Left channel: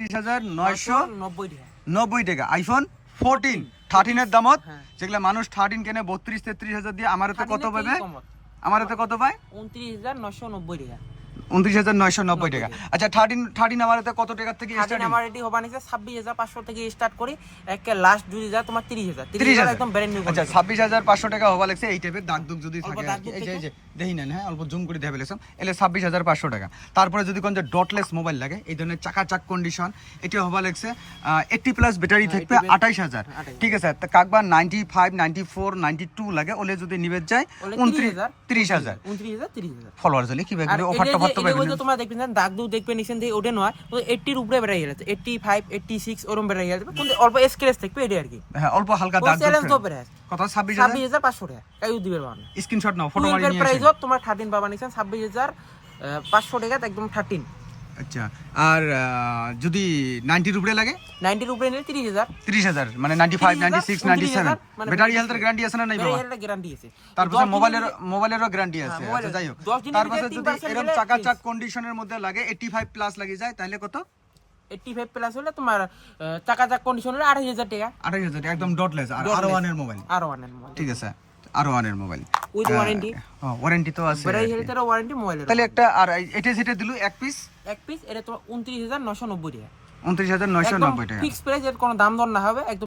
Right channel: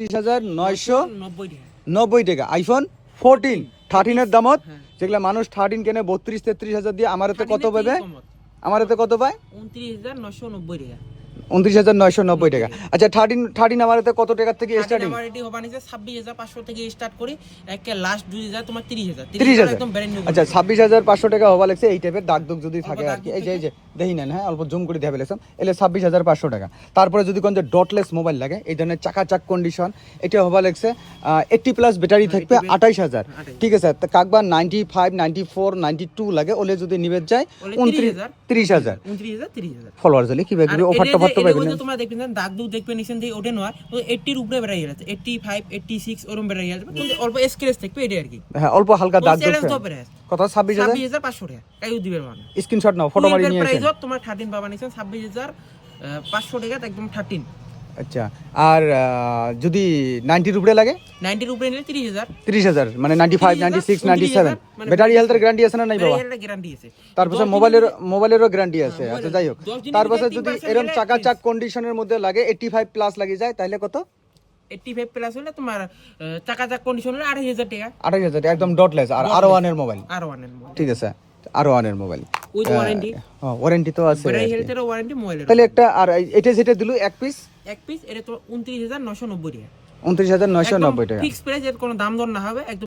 30,990 টাকা আইফোন 14 13 এর দামত যেগুলা মানুষ 13 কেনে 32-33,000 দিয়ে আমারে তো কত পাবে আমারে তো কত পায় 29,990 টাকা 29,990 টাকা আচ্ছা 13 আমারে তো কত টাকা থেকে স্টার্ট আমার এটি হবা নিছে 26,500 থেকে স্টার্ট করি একে লাস্ট যদি যায় তোমার 30,000 একদম ব্র্যান্ড নিউ আচ্ছা 26,500 টাকা হবা লাগছে এই টাইপের দাগ দুগ যদি থাকে আর কি এই যে দেখি না হ্যাঁ অল্প জুম করে দেখাবে লাগছে এলে 26,500 টাকা তারপরে যদি কোন যে ডটলেস মোবাইল লাগে এই ধরনের চাকাচাক কন্ডিশন এটা হবা লাগছে 80 প্লাস ব্যাটারি থাকবে 28,000 ঠিক আছে কাকবা 95 94 92 লাগে ওলে যদি নিবে যায় 30,000 ফলোয়ার জলি কি ভাবে অফারটা করতে পারবে তোমরা দেখবেন দাগ দুগ দেখবে নিছেন যে ওটা নয় 80 এর উপরে বেড়ে গেছে 85 86 ওরম বেড়ে গেছে কিন্তু অল্প স্ক্র্যাচ থাকবে এটা আর কি হ্যাঁ অল্প হালকা দাগ কত 26,500 টাকা কাইও দিবে মানে স্ক্রিনশট নাও ফটো মারি নিয়ে প্রাইস তোমার 13 পাবা নিছেন 26,500 টাকা একদম 13 আচ্ছা আর যদি 90 এর উপরে লাগে 90 এর উপরে নিলে 30,000 মানে 95 96 97 ব্যাটারি হেলথের গ্যারান্টি আছে না নাই বাবা ব্যাটারি হেলথের গ্যারান্টি আছে তারপর মোবাইলেরও গ্যারান্টি আছে আচ্ছা যাই হোক তারপর যদি এরকম চাকাচাক কন্ডিশনের মধ্যে লাগে 85 প্লাস লাগে যায় তাহলে কত 85 প্লাস হলে তোমার চাকাচাক কন্ডিশন হলে 28,000 টাকা 28,000 একদম ডটলেস আর R1 এর মোবাইল ঠিক আছে R1 এর মোবাইল উইথ ওয়ারেন্টি ওয়ারেন্টি তো আছে ব্যাটারি হেলথের ওয়ারেন্টি মোবাইলের তাহলে একটা আর এটা যেটা দিলো এক পিস এটা তো 29,990 টাকা 29,990 টাকা ফিক্স প্রাইস এর কোনো দাম দর না হবে একদম